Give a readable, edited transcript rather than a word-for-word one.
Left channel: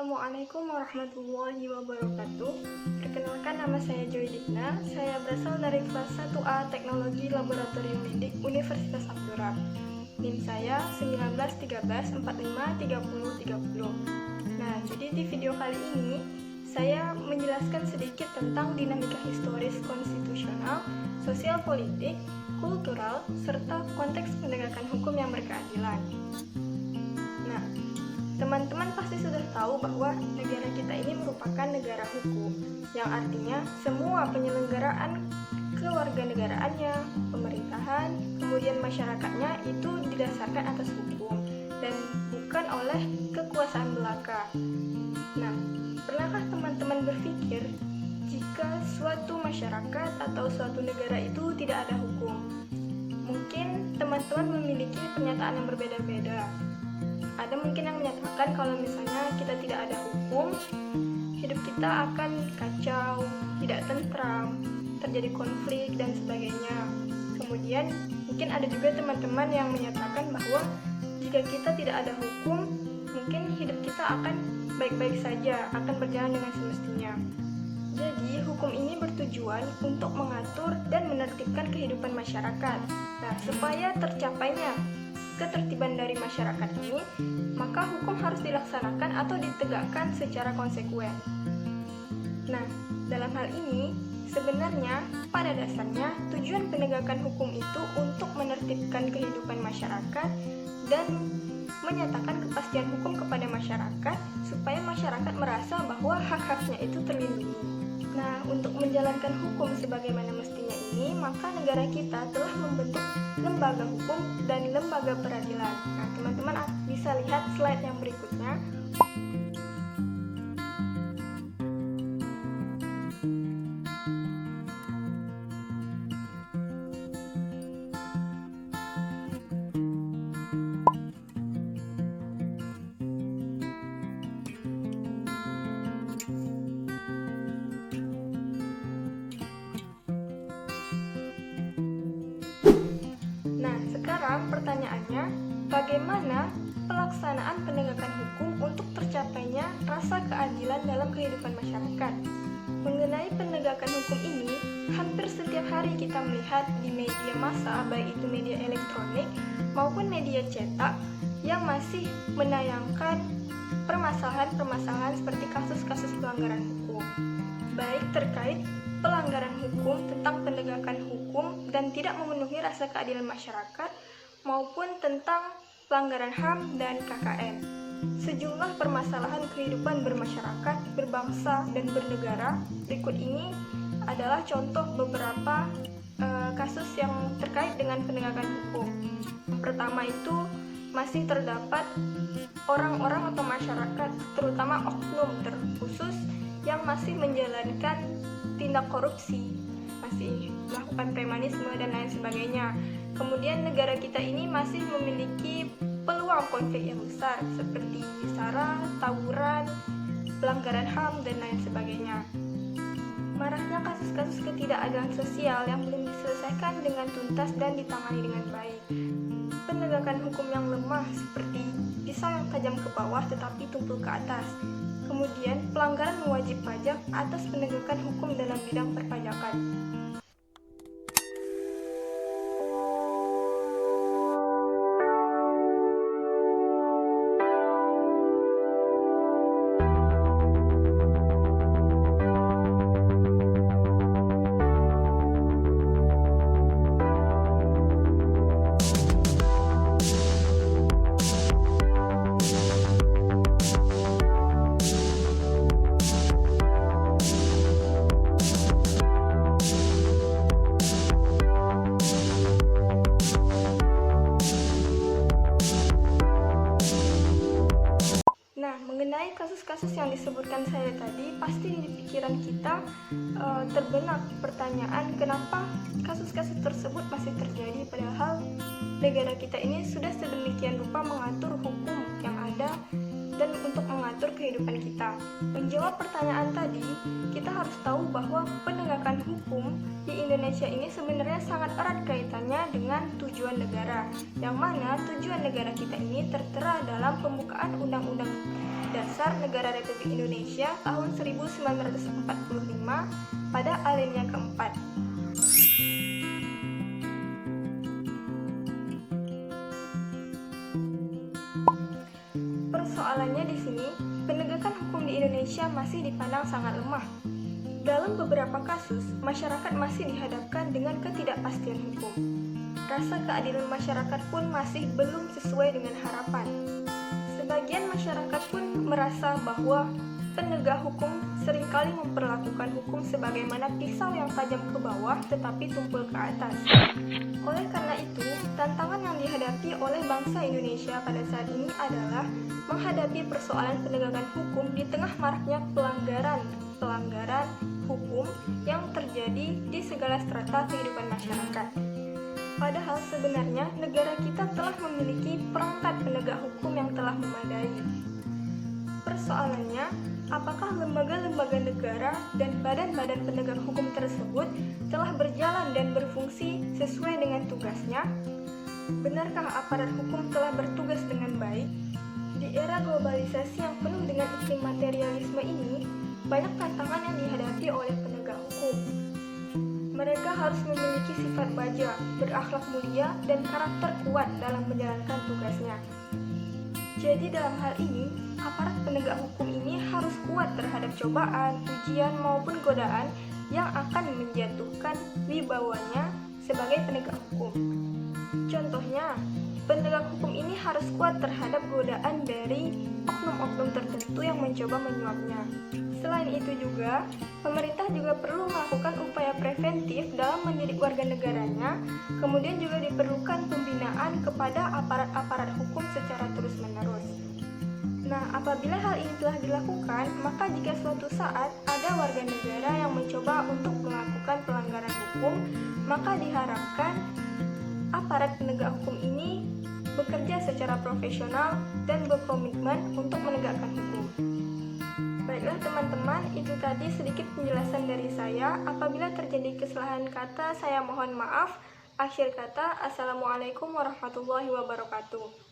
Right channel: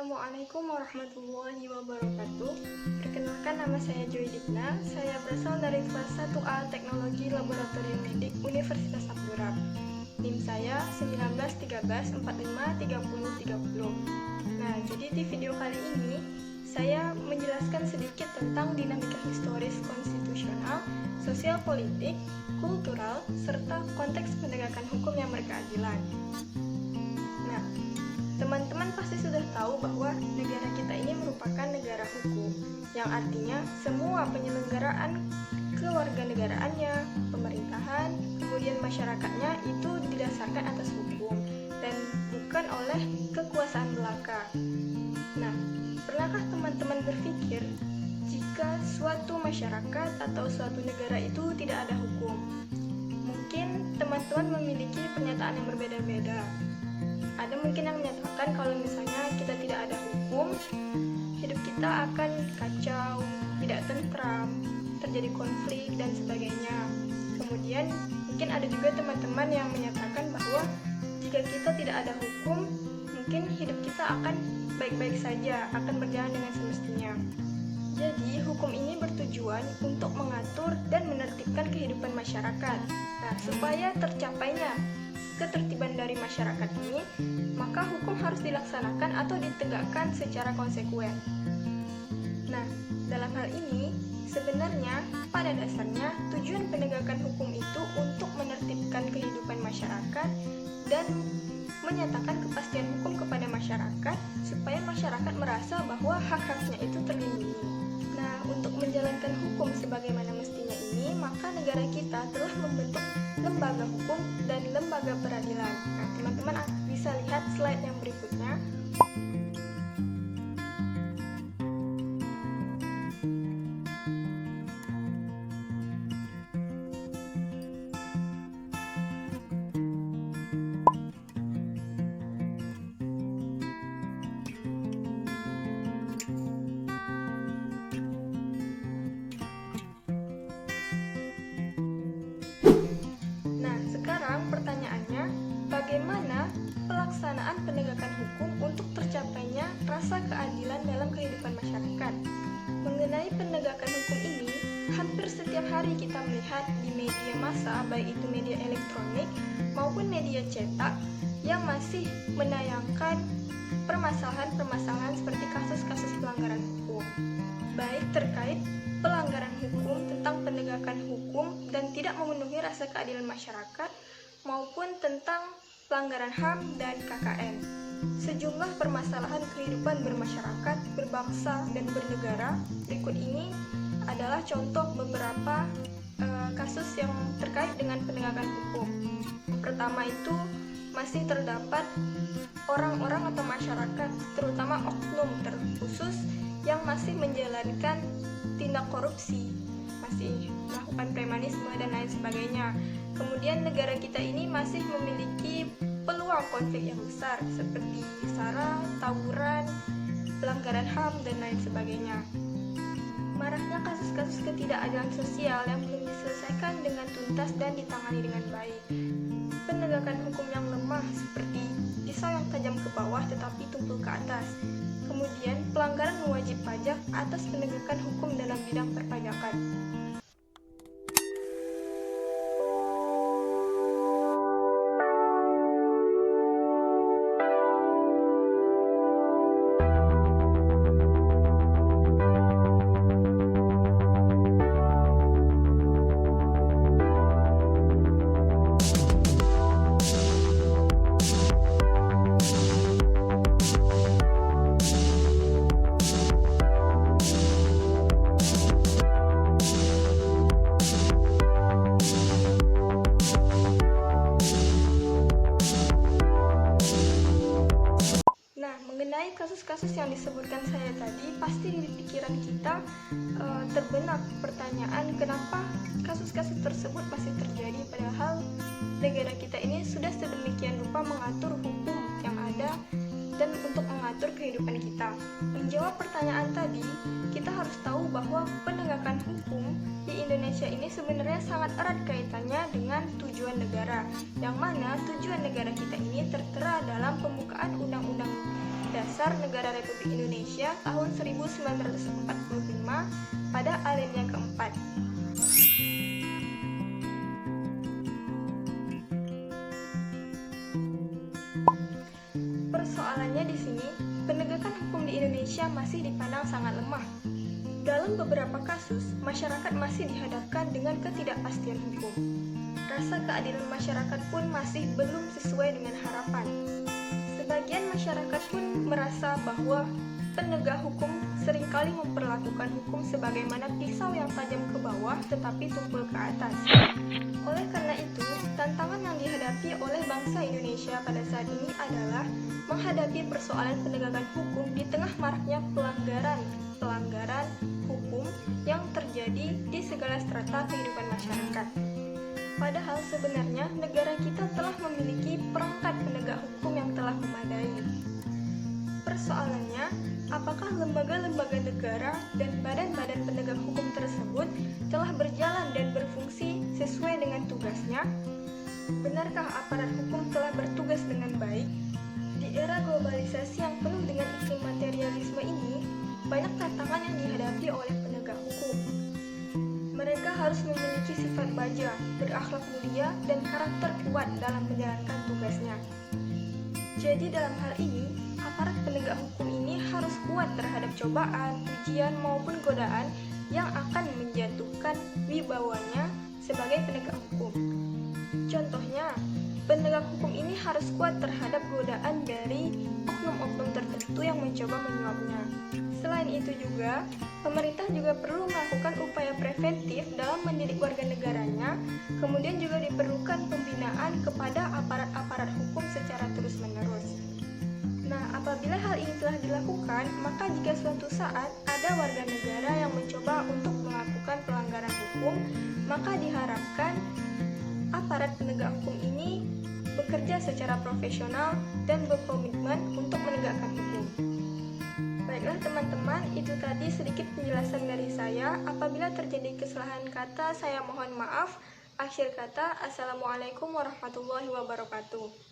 Assalamualaikum warahmatullahi wabarakatuh. Perkenalkan, nama saya Joy Digna. Saya berasal dari kelas 1A Teknologi Laboratorium Medik Universitas Abdurrahman. NIM saya 1913453030. Nah, jadi di video kali ini saya menjelaskan sedikit tentang dinamika historis konstitusional, sosial politik, kultural, serta konteks penegakan hukum yang berkeadilan. Nah, teman-teman pasti sudah tahu bahwa negara kita ini merupakan negara hukum, yang artinya semua penyelenggaraan kewarganegaraannya, pemerintahan, kemudian masyarakatnya itu didasarkan atas hukum dan bukan oleh kekuasaan belaka. Nah, pernahkah teman-teman berpikir jika suatu masyarakat atau suatu negara itu tidak ada hukum? Mungkin teman-teman memiliki pernyataan yang berbeda-beda. Ada mungkin yang menyatakan kalau misalnya kita tidak ada hukum, hidup kita akan kacau, tidak tentram, terjadi konflik, dan sebagainya. Kemudian, mungkin ada juga teman-teman yang menyatakan bahwa jika kita tidak ada hukum, mungkin hidup kita akan baik-baik saja, akan berjalan dengan semestinya. Jadi, hukum ini bertujuan untuk mengatur dan menertibkan kehidupan masyarakat. Nah, supaya tercapainya ketertiban dari masyarakat ini, maka hukum harus dilaksanakan atau ditegakkan secara konsekuen. Nah, dalam hal ini, sebenarnya pada dasarnya tujuan penegakan hukum itu untuk menertibkan kehidupan masyarakat dan menyatakan kepastian hukum kepada masyarakat supaya masyarakat merasa bahwa hak-haknya itu terlindungi. Nah, untuk menjalankan hukum sebagaimana mestinya ini, maka negara kita telah membentuk lembaga hukum dan lembaga peradilan. Nah, teman-teman bisa lihat slide yang berikutnya. Nah, sekarang pertanyaannya, bagaimana pelaksanaan penegakan hukum untuk tercapainya rasa keadilan dalam kehidupan masyarakat? Mengenai penegakan hukum ini, hampir setiap hari kita melihat di media massa, baik itu media elektronik maupun media cetak, yang masih menayangkan permasalahan-permasalahan seperti kasus-kasus pelanggaran hukum, baik terkait pelanggaran hukum tentang penegakan hukum dan tidak memenuhi rasa keadilan masyarakat, maupun tentang pelanggaran HAM dan KKN. Sejumlah permasalahan kehidupan bermasyarakat, berbangsa, dan bernegara berikut ini adalah contoh beberapa kasus yang terkait dengan penegakan hukum. Yang pertama itu masih terdapat orang-orang atau masyarakat, terutama oknum terkhusus yang masih menjalankan tindak korupsi, masih melakukan premanisme dan lain sebagainya. Kemudian negara kita ini masih memiliki peluang konflik yang besar seperti SARA, tawuran, pelanggaran HAM, dan lain sebagainya. Maraknya kasus-kasus ketidakadilan sosial yang belum diselesaikan dengan tuntas dan ditangani dengan baik. Penegakan hukum yang lemah seperti pisau yang tajam ke bawah tetapi tumpul ke atas. Kemudian, pelanggaran wajib pajak atas penegakan hukum dalam bidang perpajakan. Mengenai kasus-kasus yang disebutkan saya tadi, pasti di pikiran kita terbenak pertanyaan kenapa kasus-kasus tersebut masih terjadi, padahal negara kita ini sudah sedemikian rupa mengatur hukum yang ada dan untuk mengatur kehidupan kita. Menjawab pertanyaan tadi, kita harus tahu bahwa penegakan hukum di Indonesia ini sebenarnya sangat erat kaitannya dengan tujuan negara, yang mana tujuan negara kita ini tertera dalam pembukaan Undang-Undang Dasar Negara Republik Indonesia tahun 1945 pada alinea keempat. Persoalannya di sini, penegakan hukum di Indonesia masih dipandang sangat lemah. Dalam beberapa kasus, masyarakat masih dihadapkan dengan ketidakpastian hukum. Rasa keadilan masyarakat pun masih belum sesuai dengan harapan. Sebagian masyarakat pun merasa bahwa penegak hukum seringkali memperlakukan hukum sebagaimana pisau yang tajam ke bawah tetapi tumpul ke atas. Oleh karena itu, tantangan yang dihadapi oleh bangsa Indonesia pada saat ini adalah menghadapi persoalan penegakan hukum di tengah maraknya pelanggaran hukum yang terjadi di segala strata kehidupan masyarakat. Padahal sebenarnya negara kita telah memiliki perangkat penegak hukum yang telah memadai. Persoalannya, apakah lembaga-lembaga negara dan badan-badan penegak hukum tersebut telah berjalan dan berfungsi sesuai dengan tugasnya? Benarkah aparat hukum telah bertugas dengan baik? Di era globalisasi yang penuh dengan iklim materialisme ini, banyak tantangan yang dihadapi oleh penegak hukum. Mereka harus memiliki sifat baja, berakhlak mulia, dan karakter kuat dalam menjalankan tugasnya. Jadi dalam hal ini, aparat penegak hukum ini harus kuat terhadap cobaan, ujian, maupun godaan yang akan menjatuhkan wibawanya sebagai penegak hukum. Contohnya, penegak hukum ini harus kuat terhadap godaan dari oknum-oknum tertentu yang mencoba menyuapnya. Selain itu juga, pemerintah juga perlu melakukan upaya preventif dalam mendidik warga negaranya, kemudian juga diperlukan pembinaan kepada aparat-aparat hukum secara terus-menerus. Nah, apabila hal ini telah dilakukan, maka jika suatu saat ada warga negara yang mencoba untuk melakukan pelanggaran hukum, maka diharapkan aparat penegak hukum ini bekerja secara profesional dan berkomitmen untuk menegakkan hukum. Baiklah teman-teman, itu tadi sedikit penjelasan dari saya. Apabila terjadi kesalahan kata, saya mohon maaf. Akhir kata, Assalamualaikum warahmatullahi wabarakatuh.